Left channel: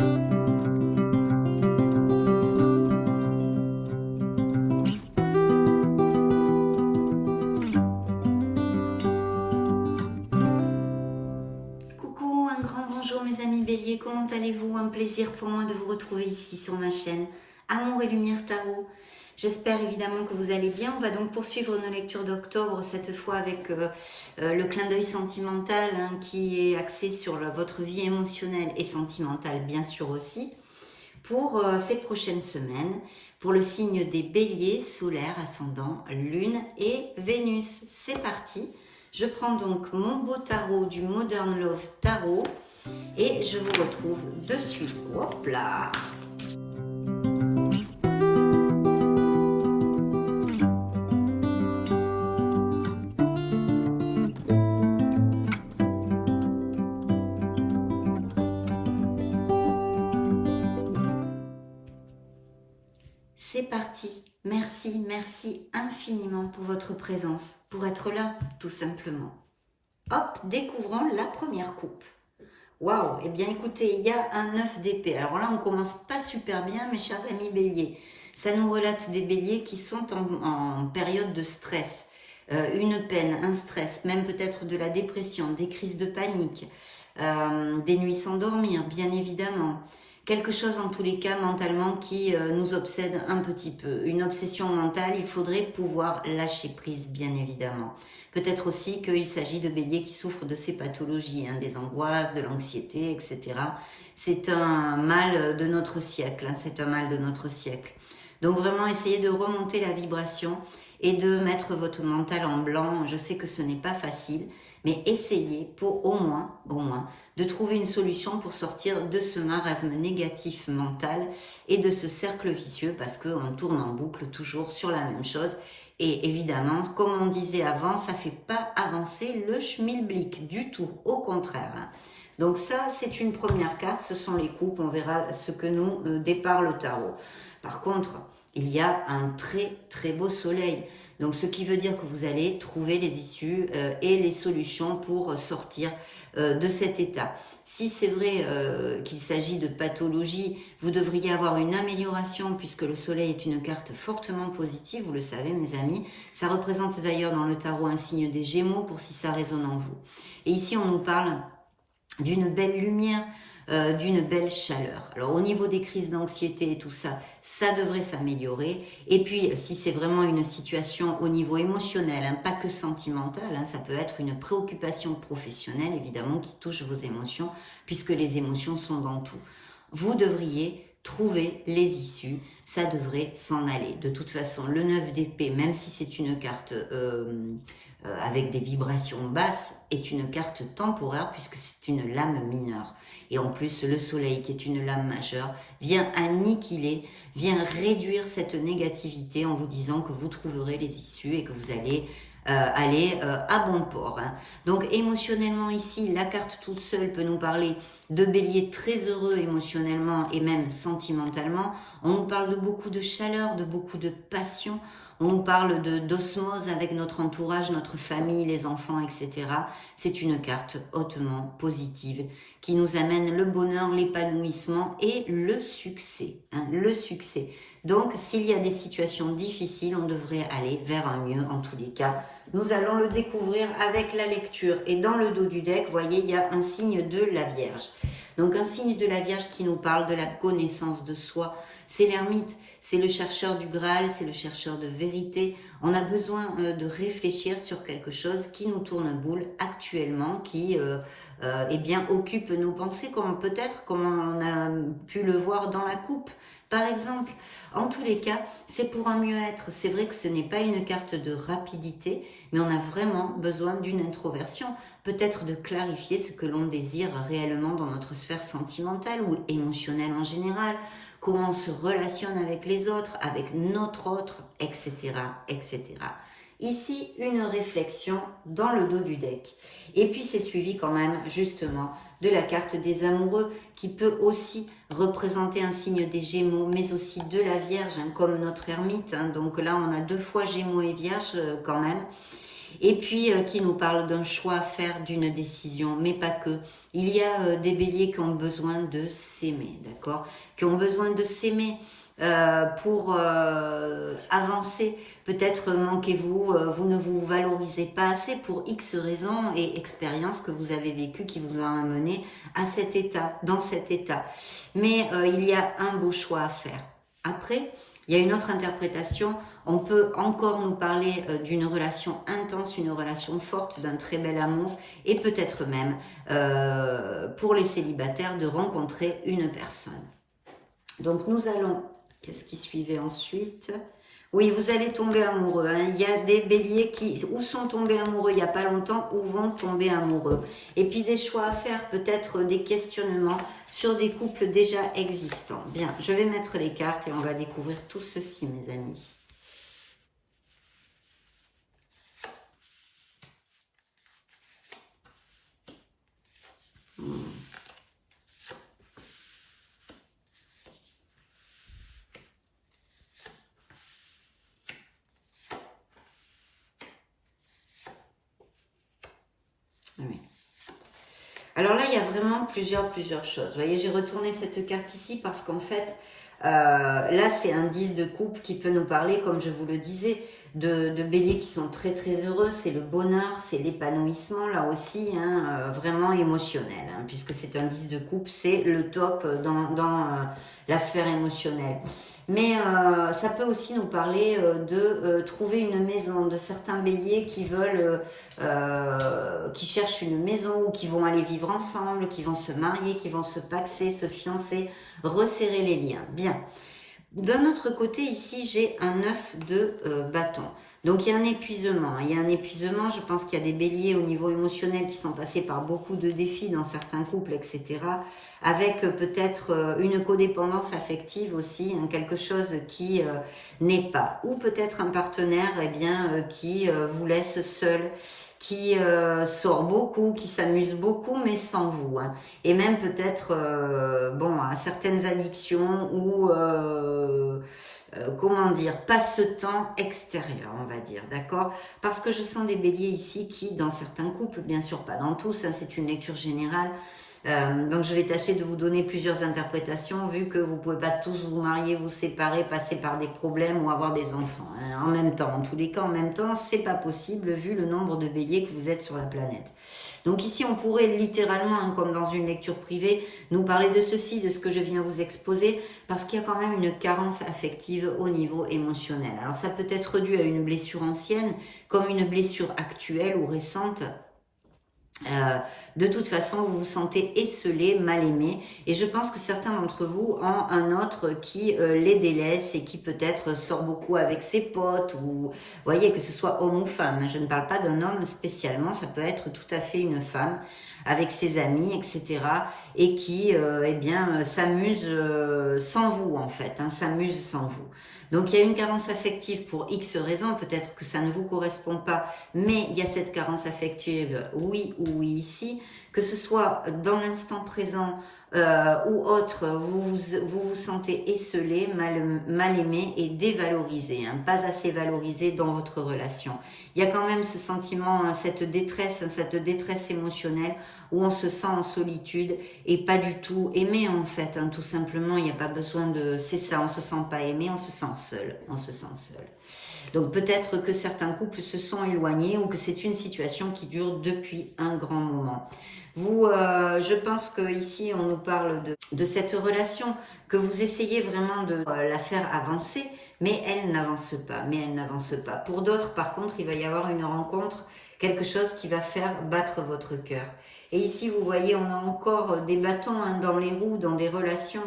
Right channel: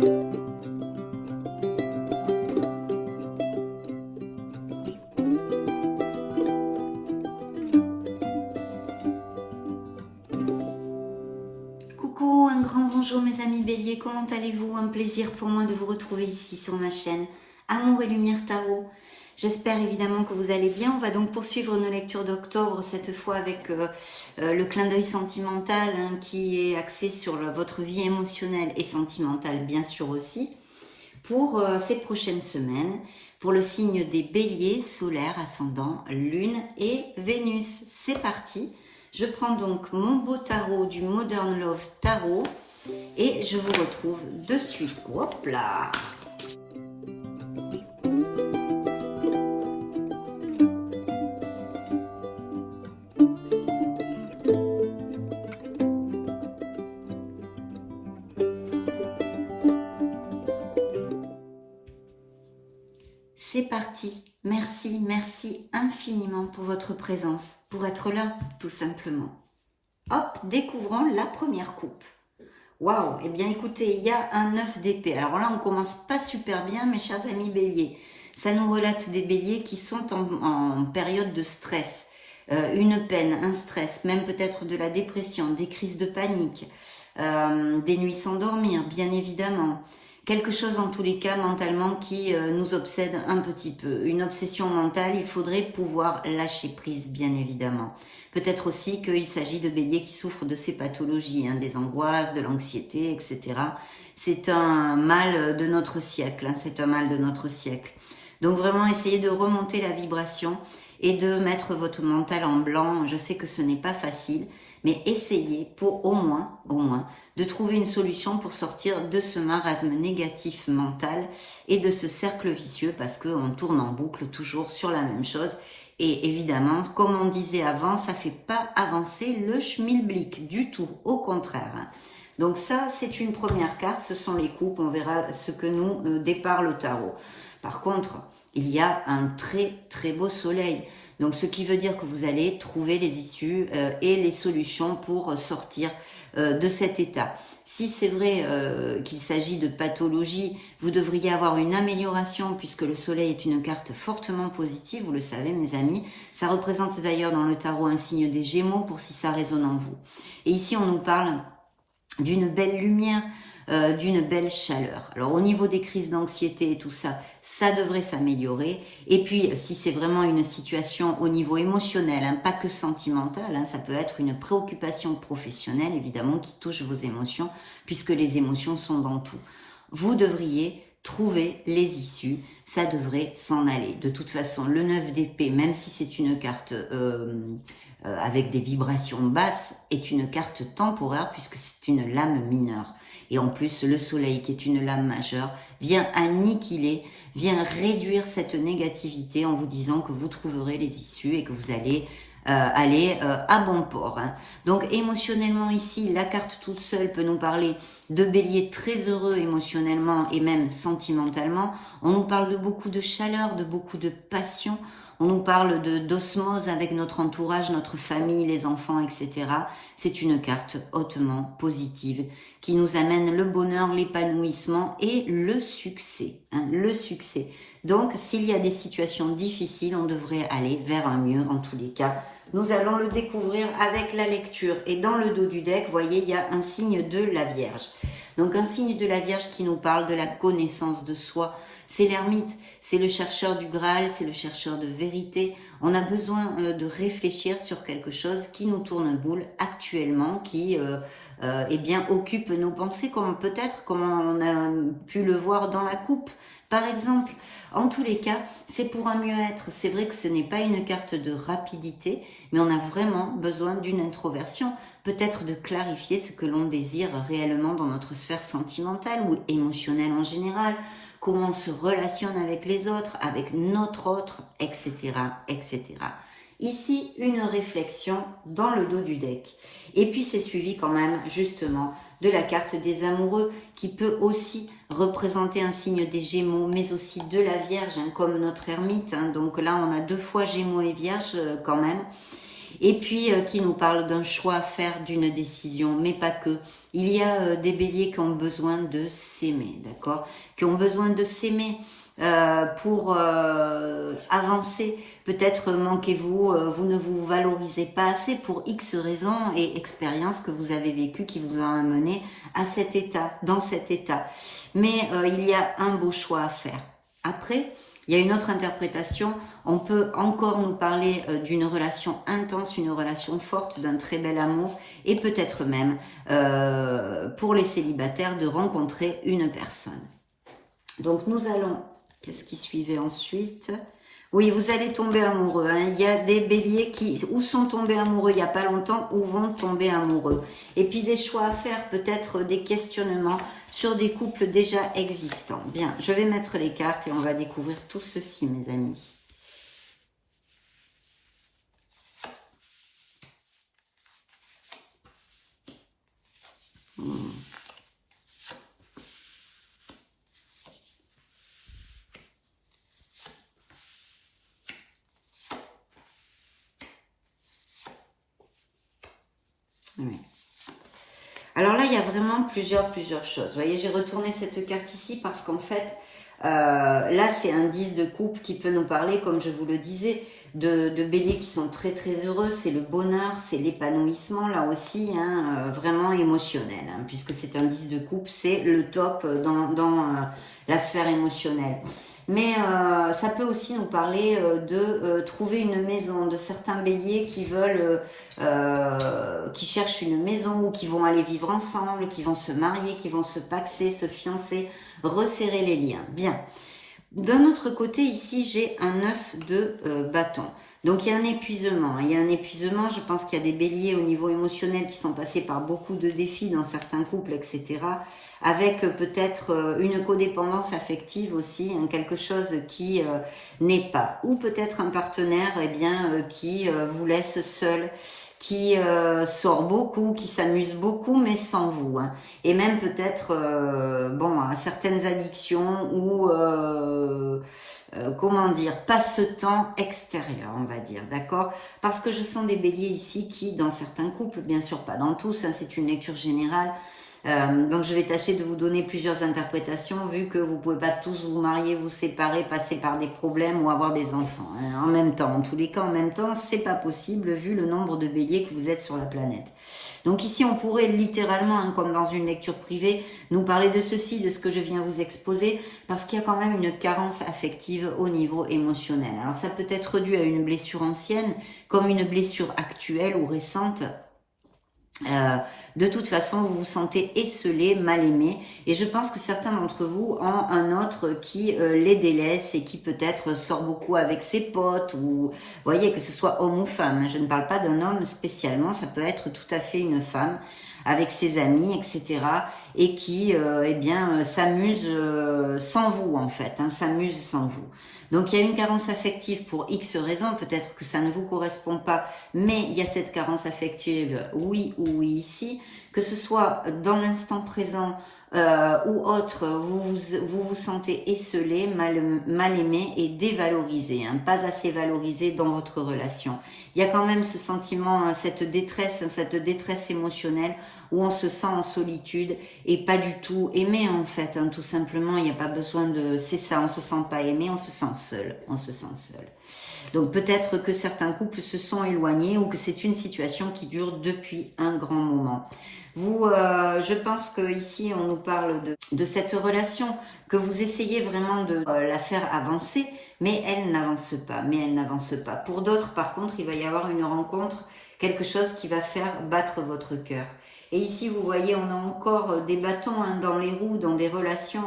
Coucou, un grand bonjour mes amis béliers, comment allez-vous? Un plaisir pour moi de vous retrouver ici sur ma chaîne Amour et Lumière Tarot. J'espère évidemment que vous allez bien. On va donc poursuivre nos lectures d'octobre, cette fois avec le clin d'œil sentimental qui est axé sur votre vie émotionnelle et sentimentale bien sûr aussi, pour ces prochaines semaines, pour le signe des béliers, solaire, ascendant, lune et Vénus. C'est parti. Je prends donc mon beau tarot du Modern Love Tarot et je vous retrouve de suite. Hop là! C'est parti. Merci, merci infiniment pour votre présence, pour être là, tout simplement. Hop, découvrons la première coupe. Waouh, eh bien écoutez, il y a un 9 d'épée. Alors là, on commence pas super bien, mes chers amis béliers. Ça nous relate des béliers qui sont en période de stress. Une peine, un stress, même peut-être de la dépression, des crises de panique, des nuits sans dormir, bien évidemment. Quelque chose en tous les cas mentalement qui nous obsède un petit peu. Une obsession mentale, il faudrait pouvoir lâcher prise bien évidemment. Peut-être aussi qu'il s'agit de béliers qui souffrent de ces pathologies, des angoisses, de l'anxiété, etc. C'est un mal de notre siècle, c'est un mal de notre siècle. Donc vraiment essayez de remonter la vibration et de mettre votre mental en blanc. Je sais que ce n'est pas facile, mais essayez pour au moins, de trouver une solution pour sortir de ce marasme négatif mental et de ce cercle vicieux parce qu'on tourne en boucle toujours sur la même chose. Et évidemment, comme on disait avant, ça ne fait pas avancer le schmilblick du tout, au contraire. Donc ça, c'est une première carte, ce sont les coupes, on verra ce que nous départ le tarot. Par contre, il y a un très très beau soleil. Donc, ce qui veut dire que vous allez trouver les issues et les solutions pour sortir de cet état. Si c'est vrai qu'il s'agit de pathologie, vous devriez avoir une amélioration puisque le soleil est une carte fortement positive, vous le savez mes amis. Ça représente d'ailleurs dans le tarot un signe des Gémeaux pour si ça résonne en vous. Et ici, on nous parle d'une belle lumière, d'une belle chaleur. Alors au niveau des crises d'anxiété et tout ça, ça devrait s'améliorer. Et puis si c'est vraiment une situation au niveau émotionnel, pas que sentimental, ça peut être une préoccupation professionnelle évidemment qui touche vos émotions puisque les émotions sont dans tout. Vous devriez trouver les issues, ça devrait s'en aller. De toute façon, le 9 d'épée, même si c'est une carte avec des vibrations basses, est une carte temporaire puisque c'est une lame mineure. Et en plus, le soleil, qui est une lame majeure, vient annihiler, vient réduire cette négativité en vous disant que vous trouverez les issues et que vous allez aller à bon port. Donc émotionnellement ici, la carte toute seule peut nous parler de bélier très heureux émotionnellement et même sentimentalement. On nous parle de beaucoup de chaleur, de beaucoup de passion. On nous parle d'osmose avec notre entourage, notre famille, les enfants, etc. C'est une carte hautement positive qui nous amène le bonheur, l'épanouissement et le succès. Le succès. Donc, s'il y a des situations difficiles, on devrait aller vers un mieux en tous les cas. Nous allons le découvrir avec la lecture. Et dans le dos du deck, vous voyez, il y a un signe de la Vierge. Donc, un signe de la Vierge qui nous parle de la connaissance de soi. C'est l'ermite, c'est le chercheur du Graal, c'est le chercheur de vérité. On a besoin de réfléchir sur quelque chose qui nous tourne boule actuellement, qui eh bien, occupe nos pensées, comme peut-être comme on a pu le voir dans la coupe. Par exemple, en tous les cas, c'est pour un mieux-être. C'est vrai que ce n'est pas une carte de rapidité, mais on a vraiment besoin d'une introversion, peut-être de clarifier ce que l'on désire réellement dans notre sphère sentimentale ou émotionnelle en général, comment on se relationne avec les autres, avec notre autre, etc., etc. Ici, une réflexion dans le dos du deck. Et puis, c'est suivi quand même, justement, de la carte des amoureux, qui peut aussi représenter un signe des Gémeaux, mais aussi de la Vierge, comme notre ermite. Donc là, on a deux fois Gémeaux et Vierge, quand même. Et puis qui nous parle d'un choix à faire, d'une décision, mais pas que. Il y a des béliers qui ont besoin de s'aimer, d'accord? Qui ont besoin de s'aimer pour avancer. Peut-être manquez-vous, vous ne vous valorisez pas assez pour X raisons et expériences que vous avez vécues qui vous ont amené à cet état, dans cet état. Mais il y a un beau choix à faire. Après, il y a une autre interprétation. On peut encore nous parler d'une relation intense, une relation forte, d'un très bel amour et peut-être même pour les célibataires de rencontrer une personne. Donc nous allons, qu'est-ce qui suivait ensuite? Oui, vous allez tomber amoureux. Hein. Il y a des béliers qui ou sont tombés amoureux il n'y a pas longtemps ou vont tomber amoureux. Et puis des choix à faire, peut-être des questionnements sur des couples déjà existants. Bien, je vais mettre les cartes et on va découvrir tout ceci, mes amis. Oui. Alors là, il y a vraiment plusieurs choses. Vous voyez, j'ai retourné cette carte ici parce qu'en fait, là, c'est un 10 de coupe qui peut nous parler, comme je vous le disais, de béliers qui sont très heureux. C'est le bonheur, c'est l'épanouissement, là aussi, hein, vraiment émotionnel. Hein, puisque c'est un 10 de coupe, c'est le top dans la sphère émotionnelle. Mais ça peut aussi nous parler de trouver une maison, de certains béliers qui veulent, qui cherchent une maison ou qui vont aller vivre ensemble, qui vont se marier, qui vont se paxer, se fiancer, resserrer les liens. Bien. D'un autre côté, ici, j'ai un 9 de bâton. Donc, il y a un épuisement. Il y a un épuisement, je pense qu'il y a des béliers au niveau émotionnel qui sont passés par beaucoup de défis dans certains couples, etc. Avec peut-être une codépendance affective aussi, hein, quelque chose qui n'est pas. Ou peut-être un partenaire eh bien, qui vous laisse seul, qui sort beaucoup, qui s'amuse beaucoup, mais sans vous. Hein. Et même peut-être, bon, à certaines addictions ou, comment dire, passe-temps extérieur, on va dire, d'accord? Parce que je sens des béliers ici qui, dans certains couples, bien sûr pas dans tous, hein, c'est une lecture générale, donc je vais tâcher de vous donner plusieurs interprétations vu que vous ne pouvez pas tous vous marier, vous séparer, passer par des problèmes ou avoir des enfants hein, en même temps. En tous les cas, en même temps, c'est pas possible vu le nombre de béliers que vous êtes sur la planète. Donc ici, on pourrait littéralement, hein, comme dans une lecture privée, nous parler de ceci, de ce que je viens vous exposer, parce qu'il y a quand même une carence affective au niveau émotionnel. Alors ça peut être dû à une blessure ancienne, comme une blessure actuelle ou récente. De toute façon, vous vous sentez esselé, mal aimé. Et je pense que certains d'entre vous ont un autre qui les délaisse et qui peut-être sort beaucoup avec ses potes. Ou, vous voyez, que ce soit homme ou femme. Je ne parle pas d'un homme spécialement, ça peut être tout à fait une femme avec ses amis, etc. Et qui, eh bien, s'amuse sans vous, en fait. Hein, s'amuse sans vous. Donc, il y a une carence affective pour X raisons. Peut-être que ça ne vous correspond pas, mais il y a cette carence affective, oui ou oui ici. Que ce soit dans l'instant présent ou autre, vous vous sentez esselé, mal aimé et dévalorisé, hein, pas assez valorisé dans votre relation. Il y a quand même ce sentiment, cette détresse émotionnelle où on se sent en solitude et pas du tout aimé en fait, hein, tout simplement, il n'y a pas besoin de... C'est ça, on se sent pas aimé, on se sent seul, on se sent seul. Donc peut-être que certains couples se sont éloignés ou que c'est une situation qui dure depuis un grand moment. Vous, je pense qu'ici on nous parle de cette relation, que vous essayez vraiment de la faire avancer, mais elle n'avance pas, Pour d'autres, par contre, il va y avoir une rencontre, quelque chose qui va faire battre votre cœur. Et ici, vous voyez, on a encore des bâtons hein, dans les roues, dans des relations,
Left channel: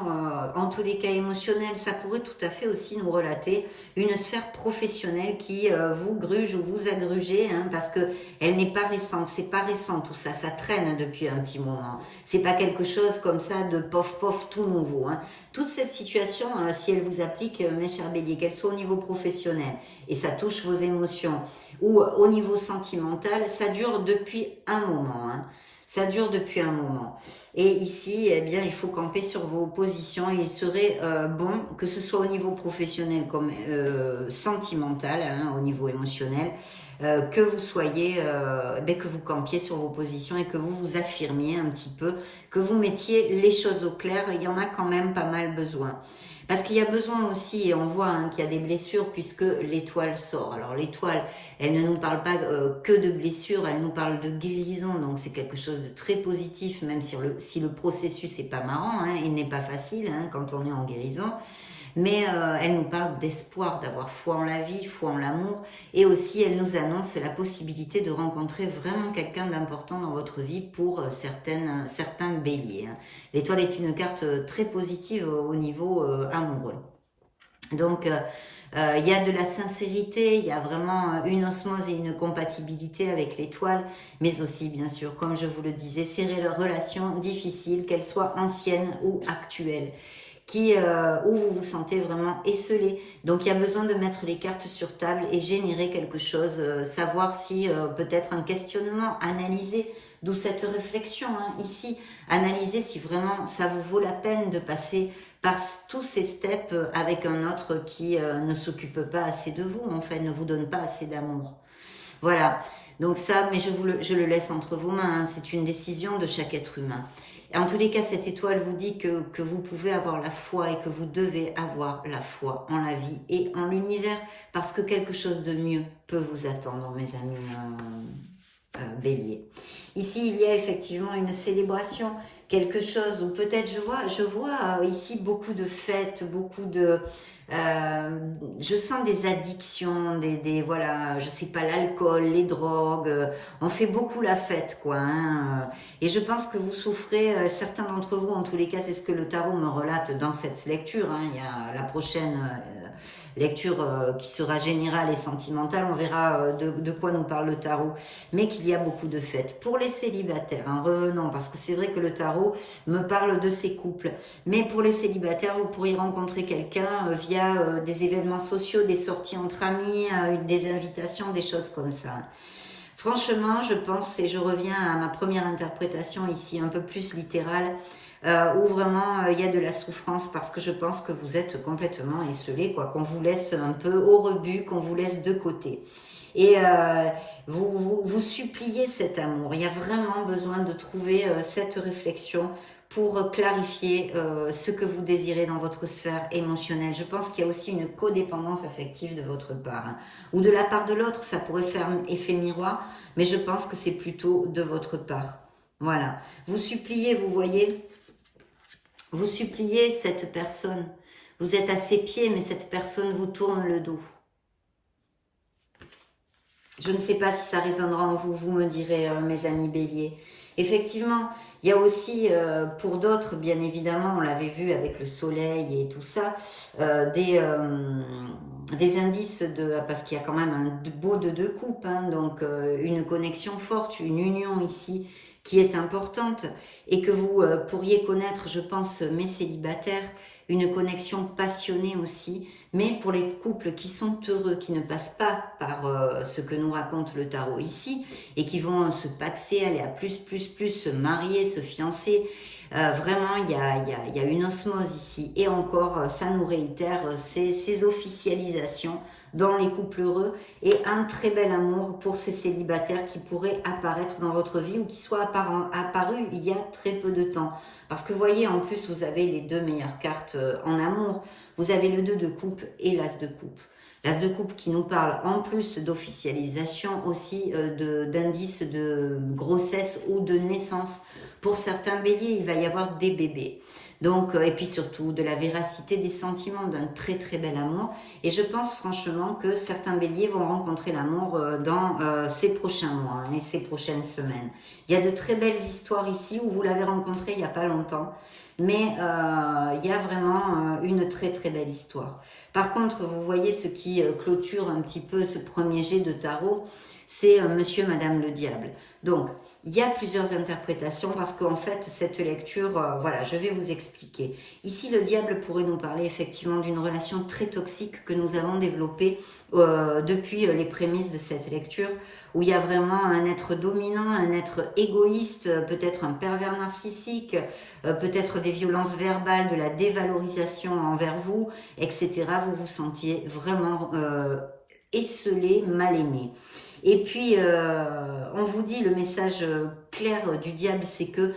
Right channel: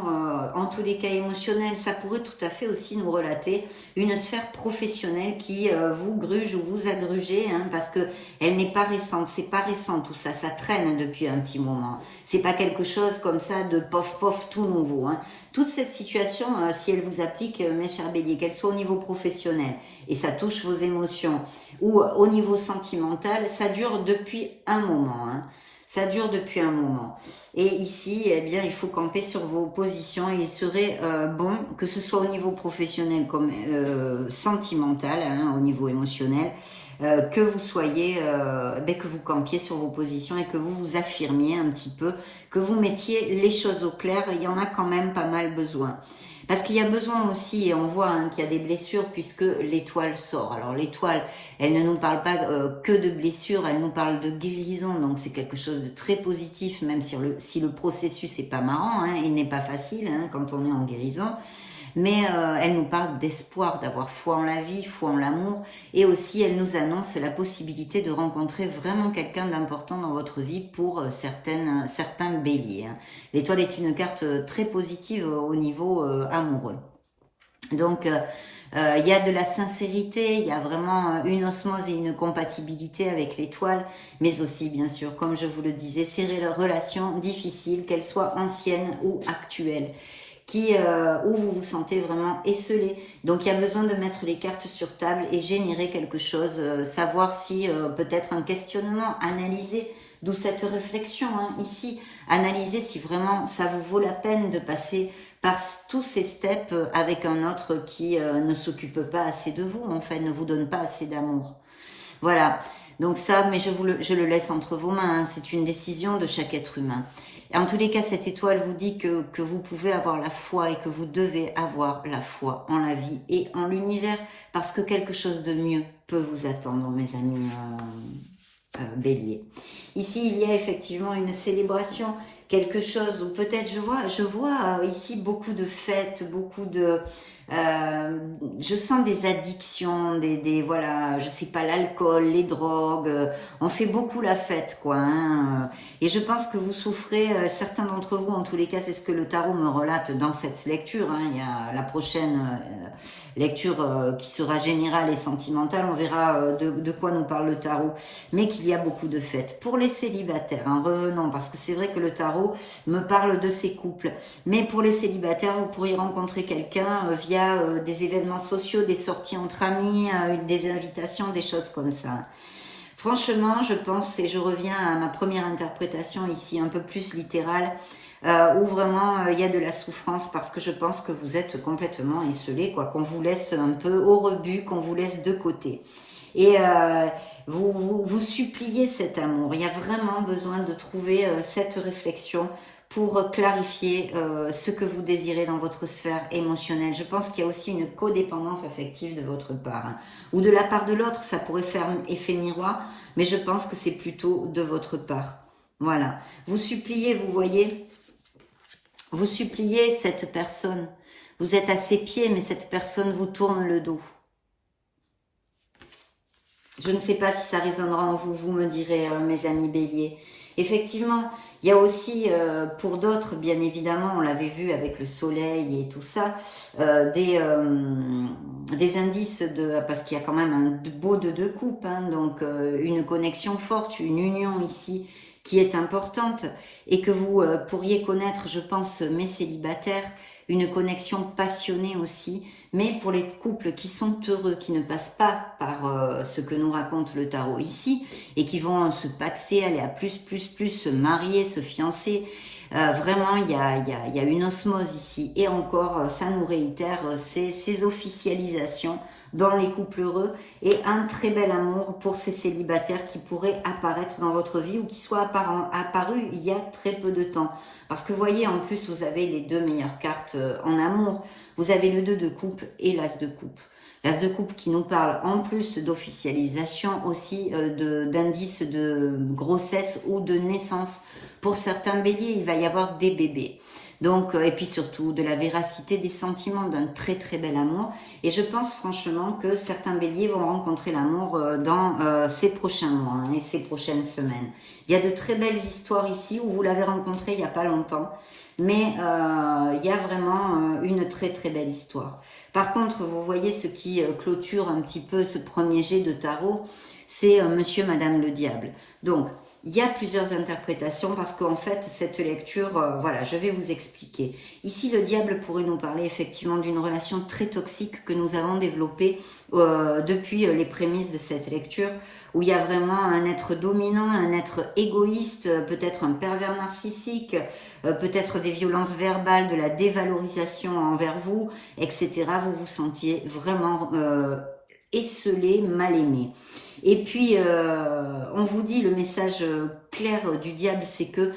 en tous les cas émotionnelles. Ça pourrait tout à fait aussi nous relater une sphère professionnelle qui vous gruge ou vous a grugé, hein, parce que elle n'est pas récente. C'est pas récent tout ça, ça traîne depuis un petit moment. C'est pas quelque chose comme ça de pof tout nouveau. Hein. Toute cette situation, si elle vous applique, mes chers béliers, qu'elle soit au niveau professionnel, et ça touche vos émotions, ou au niveau sentimental, ça dure depuis un moment. Hein. Ça dure depuis un moment. Et ici, eh bien, il faut camper sur vos positions. Il serait bon, que ce soit au niveau professionnel comme sentimental, hein, au niveau émotionnel, que vous soyez, que vous campiez sur vos positions et que vous vous affirmiez un petit peu, que vous mettiez les choses au clair. Il y en a quand même pas mal besoin. Parce qu'il y a besoin aussi, et on voit qu'il y a des blessures puisque l'étoile sort. Alors l'étoile, elle ne nous parle pas que de blessures, elle nous parle de guérison. Donc c'est quelque chose de très positif, même si le processus n'est pas marrant, il n'est pas facile quand on est en guérison. Mais elle nous parle d'espoir, d'avoir foi en la vie, foi en l'amour, et aussi elle nous annonce la possibilité de rencontrer vraiment quelqu'un d'important dans votre vie pour certains béliers. L'étoile est une carte très positive au niveau amoureux. Donc il y a de la sincérité, il y a vraiment une osmose et une compatibilité avec l'étoile, mais aussi bien sûr, comme je vous le disais, ces relations difficiles, qu'elles soient anciennes ou actuelles, où vous vous sentez vraiment esselé. Donc il y a besoin de mettre les cartes sur table et générer quelque chose, savoir si peut-être un questionnement, analyser, d'où cette réflexion ici, analyser si vraiment ça vous vaut la peine de passer par tous ces steps avec un autre qui ne s'occupe pas assez de vous, en fait, ne vous donne pas assez d'amour. Voilà, donc ça, mais je le laisse entre vos mains, c'est une décision de chaque être humain. En tous les cas, cette étoile vous dit que vous pouvez avoir la foi et que vous devez avoir la foi en la vie et en l'univers parce que quelque chose de mieux peut vous attendre, mes amis béliers. Ici, il y a effectivement une célébration, quelque chose où peut-être je vois ici beaucoup de fêtes, beaucoup de... je sens des addictions, voilà, je sais pas, l'alcool, les drogues, on fait beaucoup la fête, quoi. Et je pense que vous souffrez, certains d'entre vous, en tous les cas, c'est ce que le tarot me relate dans cette lecture. Il y a la prochaine lecture qui sera générale et sentimentale, on verra de quoi nous parle le tarot, mais qu'il y a beaucoup de fêtes. Pour les célibataires, revenons, parce que c'est vrai que le tarot me parle de ces couples, mais pour les célibataires, vous pourriez rencontrer quelqu'un via des événements sociaux, des sorties entre amis, des invitations, des choses comme ça. Franchement, je pense, et je reviens à ma première interprétation ici, un peu plus littérale, où vraiment il y a de la souffrance parce que je pense que vous êtes complètement esselé, quoi, qu'on vous laisse un peu au rebut, qu'on vous laisse de côté. Et vous suppliez cet amour. Il y a vraiment besoin de trouver cette réflexion pour clarifier ce que vous désirez dans votre sphère émotionnelle. Je pense qu'il y a aussi une codépendance affective de votre part, ou de la part de l'autre, ça pourrait faire effet miroir, mais je pense que c'est plutôt de votre part. Voilà. Vous suppliez, vous voyez, vous suppliez cette personne. Vous êtes à ses pieds, mais cette personne vous tourne le dos. Je ne sais pas si ça résonnera en vous, vous me direz, mes amis béliers. Effectivement, il y a aussi, pour d'autres, bien évidemment, on l'avait vu avec le soleil et tout ça, des indices, parce qu'il y a quand même un beau de deux coupes, donc une connexion forte, une union ici qui est importante et que vous pourriez connaître, je pense, mes célibataires, une connexion passionnée aussi, mais pour les couples qui sont heureux, qui ne passent pas par ce que nous raconte le tarot ici, et qui vont se paxer, aller à plus, se marier, se fiancer, vraiment il y a une osmose ici, et encore ça nous réitère ces officialisations dans les couples heureux, et un très bel amour pour ces célibataires qui pourraient apparaître dans votre vie, ou qui soient apparus il y a très peu de temps. Parce que vous voyez, en plus, vous avez les deux meilleures cartes en amour. Vous avez le 2 de coupe et l'As de coupe. L'As de coupe qui nous parle en plus d'officialisation aussi d'indices de grossesse ou de naissance. Pour certains béliers, il va y avoir des bébés. Donc, et puis surtout de la véracité des sentiments, d'un très très bel amour. Et je pense franchement que certains béliers vont rencontrer l'amour dans ces prochains mois et ces prochaines semaines. Il y a de très belles histoires ici où vous l'avez rencontré il n'y a pas longtemps. Mais il y a vraiment une très très belle histoire. Par contre, vous voyez ce qui clôture un petit peu ce premier jet de tarot, c'est Monsieur, Madame le Diable. Donc, il y a plusieurs interprétations parce qu'en fait, cette lecture, voilà, je vais vous expliquer. Ici, le diable pourrait nous parler effectivement d'une relation très toxique que nous avons développée depuis les prémices de cette lecture, où il y a vraiment un être dominant, un être égoïste, peut-être un pervers narcissique, peut-être des violences verbales, de la dévalorisation envers vous, etc. Vous vous sentiez vraiment esseulé, mal aimé. Et puis, on vous dit, le message clair du diable, c'est que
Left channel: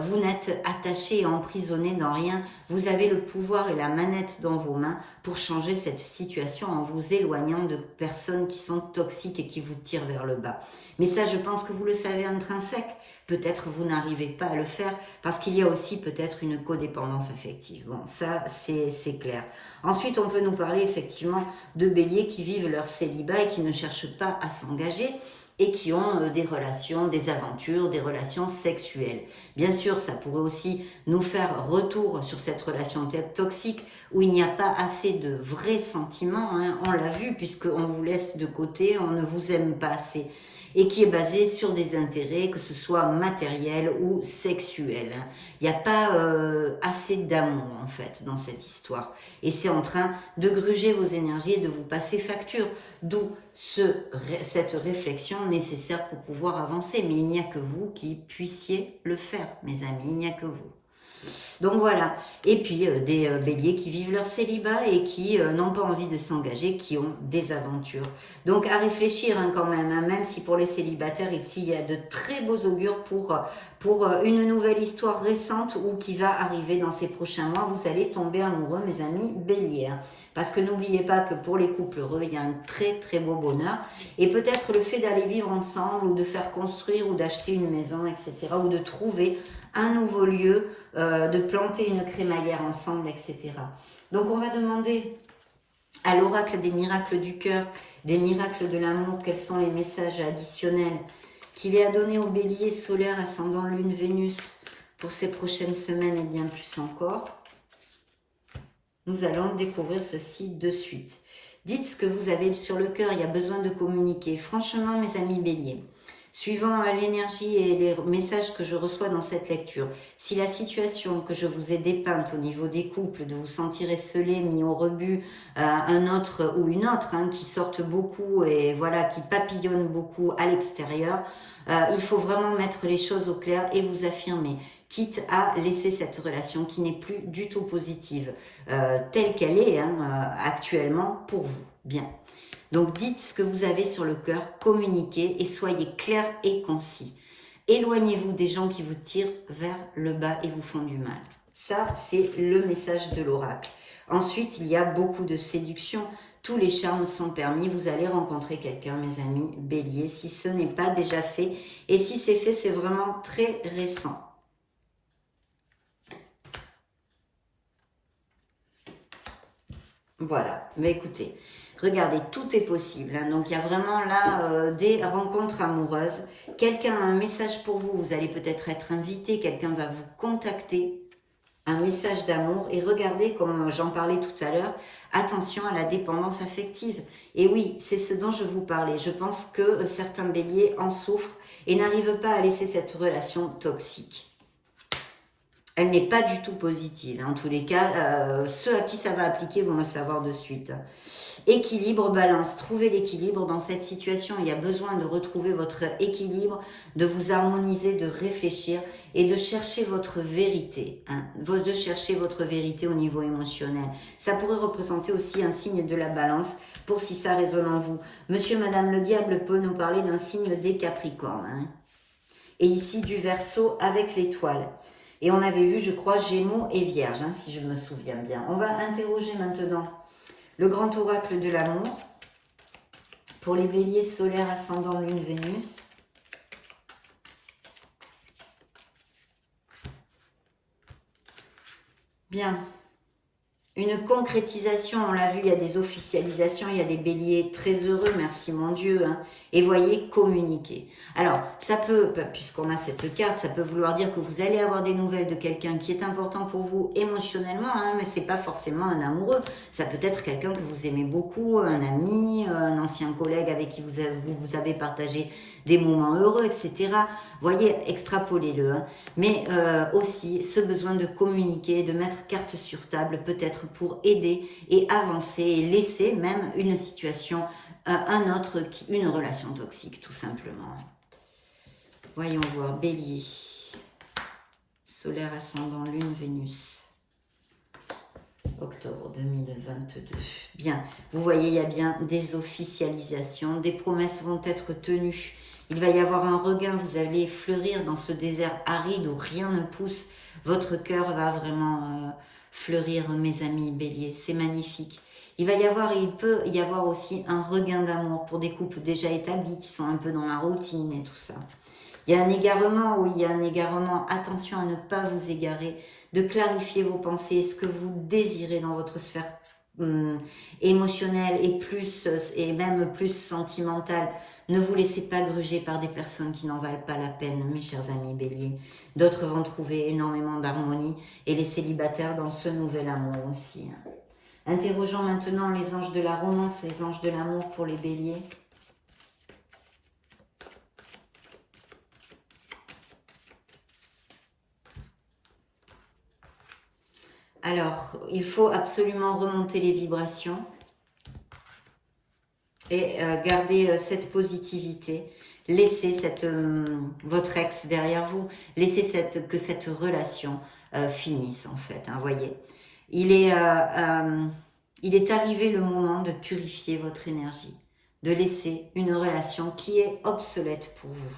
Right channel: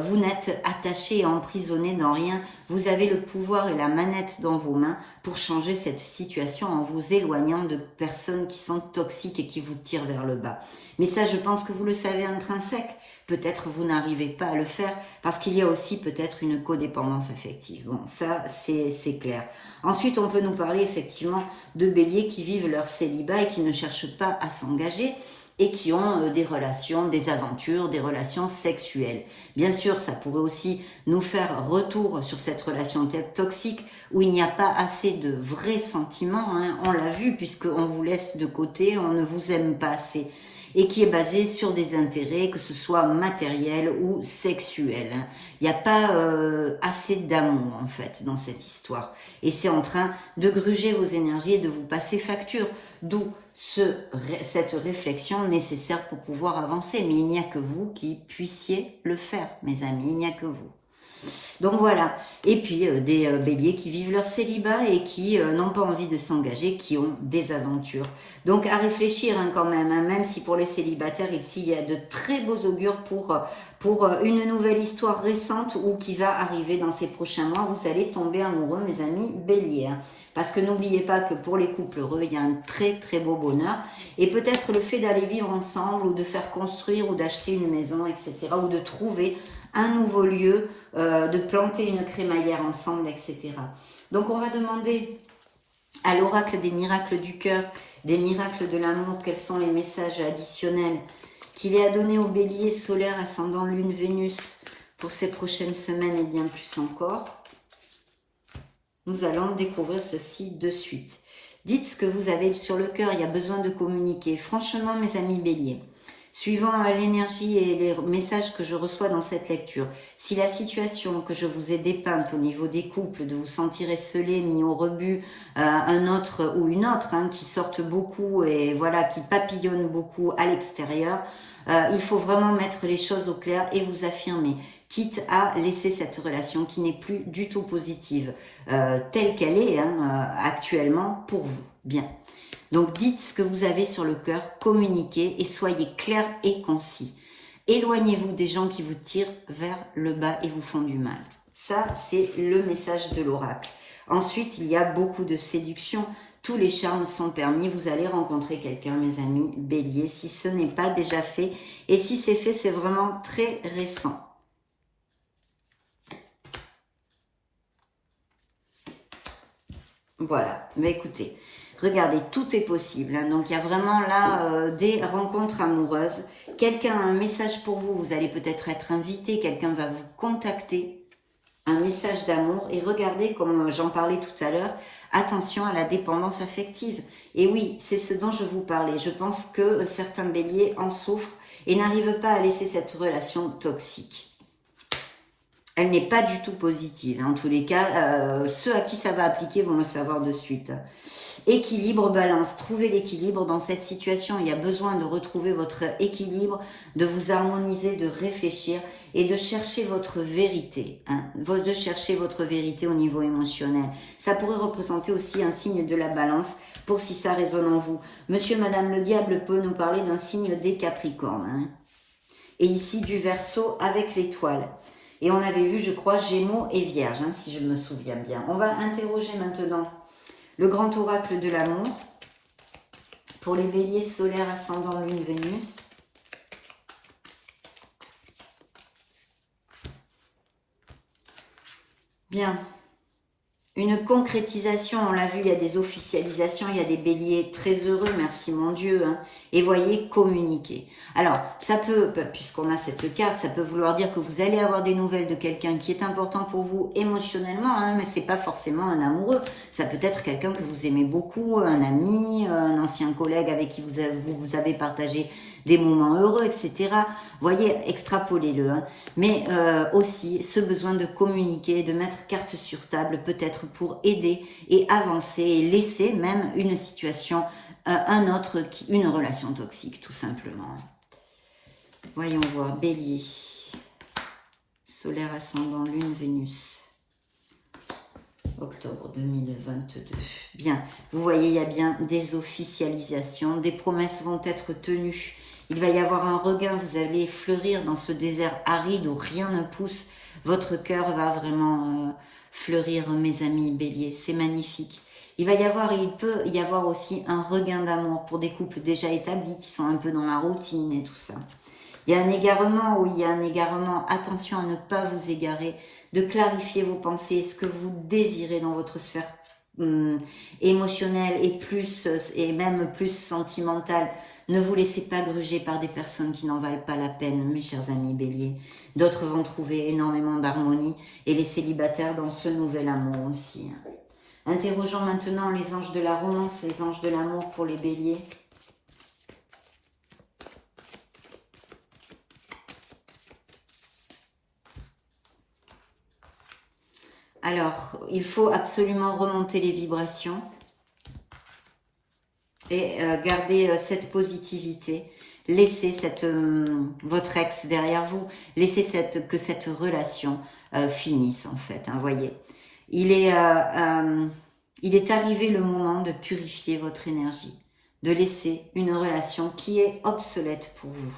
vous n'êtes attaché et emprisonné dans rien. Vous avez le pouvoir et la manette dans vos mains pour changer cette situation en vous éloignant de personnes qui sont toxiques et qui vous tirent vers le bas. Mais ça, je pense que vous le savez intrinsèque. Peut-être vous n'arrivez pas à le faire parce qu'il y a aussi peut-être une codépendance affective. Bon, ça, c'est clair. Ensuite, on peut nous parler effectivement de béliers qui vivent leur célibat et qui ne cherchent pas à s'engager et qui ont des relations, des aventures, des relations sexuelles. Bien sûr, ça pourrait aussi nous faire retour sur cette relation toxique où il n'y a pas assez de vrais sentiments, hein. On l'a vu puisqu'on vous laisse de côté, on ne vous aime pas assez, et qui est basé sur des intérêts, que ce soit matériels ou sexuels. Il n'y a pas assez d'amour en fait dans cette histoire. Et c'est en train de gruger vos énergies et de vous passer facture. D'où cette réflexion nécessaire pour pouvoir avancer. Mais il n'y a que vous qui puissiez le faire, mes amis. Il n'y a que vous. Donc voilà, et puis des béliers qui vivent leur célibat et qui n'ont pas envie de s'engager, qui ont des aventures. Donc à réfléchir hein, quand même, hein, même si pour les célibataires, ici, il y a de très beaux augures pour une nouvelle histoire récente ou qui va arriver dans ces prochains mois. Vous allez tomber amoureux, mes amis béliers. Hein. Parce que n'oubliez pas que pour les couples heureux, il y a un très très beau bonheur. Et peut-être le fait d'aller vivre ensemble ou de faire construire ou d'acheter une maison, etc. Ou de trouver un nouveau lieu, de planter une crémaillère ensemble, etc. Donc on va demander à l'oracle des miracles du cœur, des miracles de l'amour, quels sont les messages additionnels qu'il est à donner au bélier solaire, ascendant lune, Vénus, pour ces prochaines semaines et bien plus encore. Nous allons découvrir ceci de suite. Dites ce que vous avez sur le cœur, il y a besoin de communiquer. Franchement, mes amis béliers, suivant l'énergie et les messages que je reçois dans cette lecture, si la situation que je vous ai dépeinte au niveau des couples, de vous sentir esselé, mis au rebut, un autre ou une autre, hein, qui sortent beaucoup et voilà, qui papillonnent beaucoup à l'extérieur, il faut vraiment mettre les choses au clair et vous affirmer, quitte à laisser cette relation qui n'est plus du tout positive, telle qu'elle est hein, actuellement pour vous. Bien. Donc dites ce que vous avez sur le cœur, communiquez et soyez clair et concis. Éloignez-vous des gens qui vous tirent vers le bas et vous font du mal. Ça, c'est le message de l'oracle. Ensuite, il y a beaucoup de séduction. Tous les charmes sont permis. Vous allez rencontrer quelqu'un, mes amis béliers, si ce n'est pas déjà fait. Et si c'est fait, c'est vraiment très récent. Voilà, mais écoutez, regardez, tout est possible. Hein. Donc, il y a vraiment là des rencontres amoureuses. Quelqu'un a un message pour vous, vous allez peut-être être invité, quelqu'un va vous contacter, un message d'amour. Et regardez, comme j'en parlais tout à l'heure, attention à la dépendance affective. Et oui, c'est ce dont je vous parlais. Je pense que certains béliers en souffrent et n'arrivent pas à laisser cette relation toxique. Elle n'est pas du tout positive. En tous les cas, ceux à qui ça va appliquer vont le savoir de suite. Équilibre, balance. Trouvez l'équilibre dans cette situation. Il y a besoin de retrouver votre équilibre, de vous harmoniser, de réfléchir et de chercher votre vérité. Hein, de chercher votre vérité au niveau émotionnel. Ça pourrait représenter aussi un signe de la balance pour si ça résonne en vous. Monsieur, madame, le diable peut nous parler d'un signe des Capricornes. Hein. Et ici du Verseau avec l'étoile. Et on avait vu, je crois, Gémeaux et Vierge, hein, si je me souviens bien. On va interroger maintenant le grand oracle de l'amour pour les béliers solaires, ascendant lune, Vénus. Bien. Une concrétisation, on l'a vu, il y a des officialisations, il y a des béliers très heureux, merci mon Dieu. Hein, et voyez, communiquer. Alors, ça peut, puisqu'on a cette carte, ça peut vouloir dire que vous allez avoir des nouvelles de quelqu'un qui est important pour vous émotionnellement, hein, mais c'est pas forcément un amoureux. Ça peut être quelqu'un que vous aimez beaucoup, un ami, un ancien collègue avec qui vous avez partagé des moments heureux, etc. Voyez, extrapolez-le. Hein. Mais aussi, ce besoin de communiquer, de mettre carte sur table, peut-être pour aider et avancer, et laisser même une situation, une relation toxique, tout simplement. Voyons voir, bélier, solaire, ascendant, lune, Vénus. Ok. octobre 2022. Bien, vous voyez, il y a bien des officialisations, des promesses vont être tenues. Il va y avoir un regain, vous allez fleurir dans ce désert aride où rien ne pousse. Votre cœur va vraiment fleurir, mes amis béliers, c'est magnifique. Il peut y avoir aussi un regain d'amour pour des couples déjà établis qui sont un peu dans la routine et tout ça. Il y a un égarement, oui, il y a un égarement. Attention à ne pas vous égarer, de clarifier vos pensées, ce que vous désirez dans votre sphère émotionnelle et même plus sentimentale. Ne vous laissez pas gruger par des personnes qui n'en valent pas la peine, mes chers amis béliers. D'autres vont trouver énormément d'harmonie et les célibataires dans ce nouvel amour aussi. Interrogeons maintenant les anges de la romance, les anges de l'amour pour les béliers. Alors, il faut absolument remonter les vibrations et garder cette positivité. Laissez votre ex derrière vous. Laissez que cette relation finisse, en fait. Hein, voyez, il est arrivé le moment de purifier votre énergie, de laisser une relation qui est obsolète pour vous.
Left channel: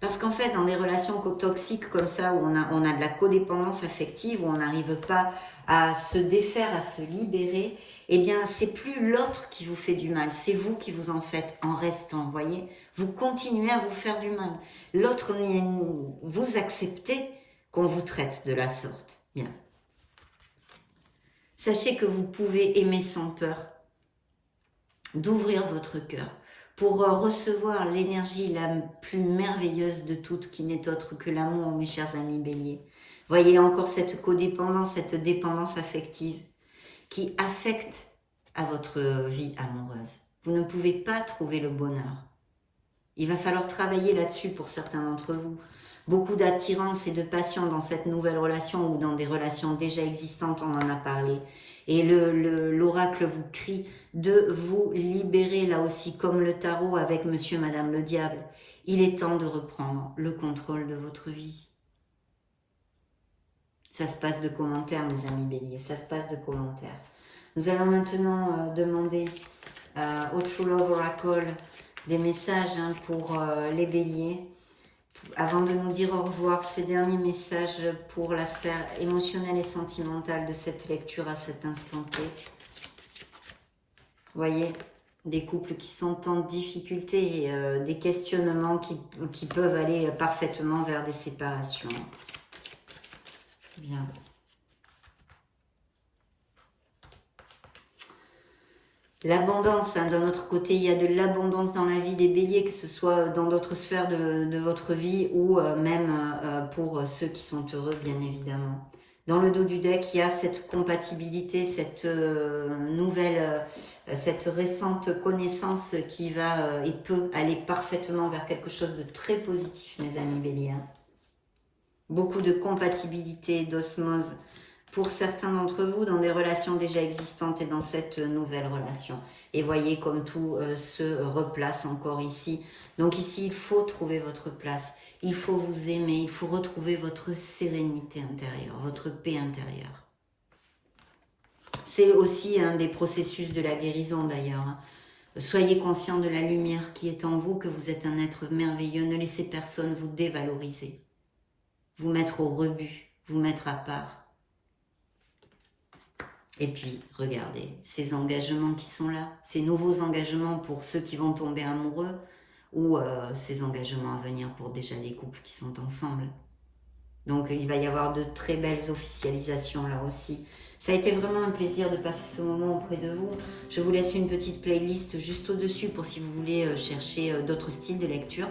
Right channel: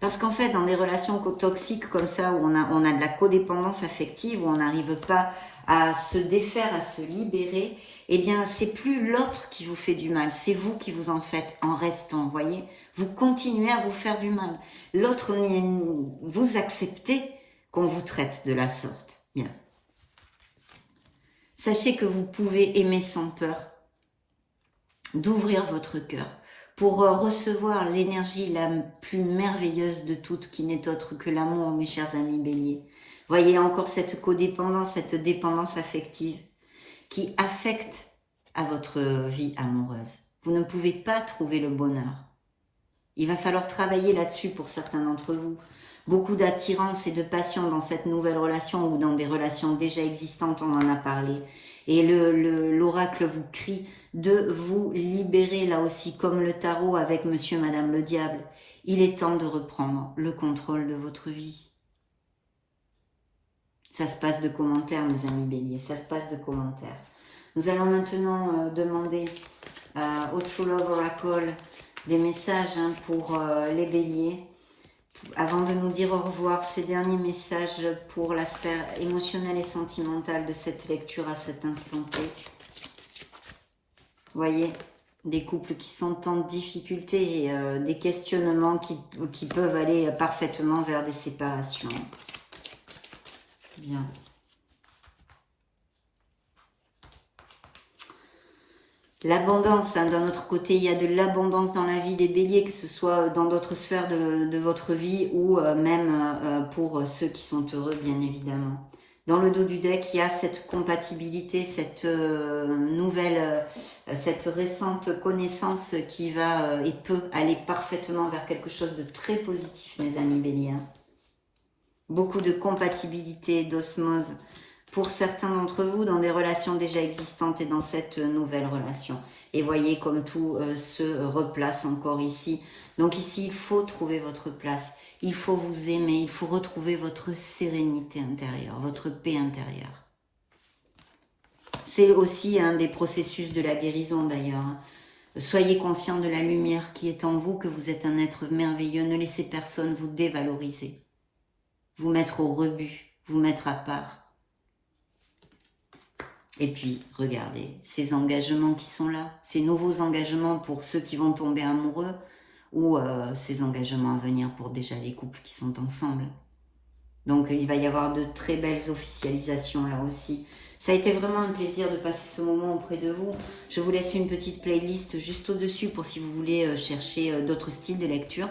Parce qu'en fait, dans des relations toxiques comme ça, où on a de la codépendance affective, où on n'arrive pas à se défaire, à se libérer, eh bien, c'est plus l'autre qui vous fait du mal, c'est vous qui vous en faites en restant, voyez. Vous continuez à vous faire du mal. L'autre, vous acceptez qu'on vous traite de la sorte. Bien. Sachez que vous pouvez aimer sans peur, d'ouvrir votre cœur, pour recevoir l'énergie la plus merveilleuse de toutes, qui n'est autre que l'amour, mes chers amis béliers. Voyez encore cette codépendance, cette dépendance affective qui affecte à votre vie amoureuse. Vous ne pouvez pas trouver le bonheur. Il va falloir travailler là-dessus pour certains d'entre vous. Beaucoup d'attirance et de passion dans cette nouvelle relation ou dans des relations déjà existantes, on en a parlé. Et l'oracle vous crie de vous libérer là aussi, comme le tarot avec monsieur et madame le diable. Il est temps de reprendre le contrôle de votre vie. Ça se passe de commentaires, mes amis béliers, ça se passe de commentaires. Nous allons maintenant demander au True Love Oracle des messages pour les béliers. Avant de nous dire au revoir, ces derniers messages pour la sphère émotionnelle et sentimentale de cette lecture à cet instant T. Voyez, des couples qui sont en difficulté et des questionnements qui peuvent aller parfaitement vers des séparations. Bien. L'abondance, hein, d'un autre côté, il y a de l'abondance dans la vie des béliers, que ce soit dans d'autres sphères de votre vie ou même pour ceux qui sont heureux, bien évidemment. Dans le dos du deck, il y a cette compatibilité, cette cette récente connaissance qui va et peut aller parfaitement vers quelque chose de très positif, mes amis béliers. Beaucoup de compatibilité, d'osmose pour certains d'entre vous dans des relations déjà existantes et dans cette nouvelle relation. Et voyez comme tout se replace encore ici. Donc ici, il faut trouver votre place. Il faut vous aimer. Il faut retrouver votre sérénité intérieure, votre paix intérieure. C'est aussi un des processus de la guérison d'ailleurs. Soyez conscient de la lumière qui est en vous, que vous êtes un être merveilleux. Ne laissez personne vous dévaloriser, vous mettre au rebut, vous mettre à part. Et puis, regardez, ces engagements qui sont là, ces nouveaux engagements pour ceux qui vont tomber amoureux, ou ces engagements à venir pour déjà les couples qui sont ensemble. Donc, il va y avoir de très belles officialisations là aussi. Ça a été vraiment un plaisir de passer ce moment auprès de vous. Je vous laisse une petite playlist juste au-dessus pour si vous voulez chercher d'autres styles de lecture.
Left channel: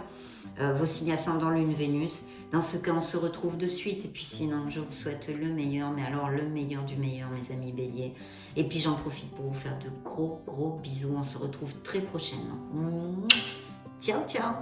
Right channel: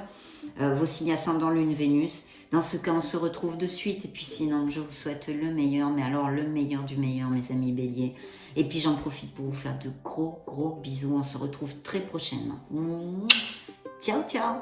Vos signes ascendant Lune, Vénus. Dans ce cas, on se retrouve de suite. Et puis sinon, je vous souhaite le meilleur. Mais alors, le meilleur du meilleur, mes amis béliers. Et puis, j'en profite pour vous faire de gros bisous. On se retrouve très prochainement. Ciao, ciao.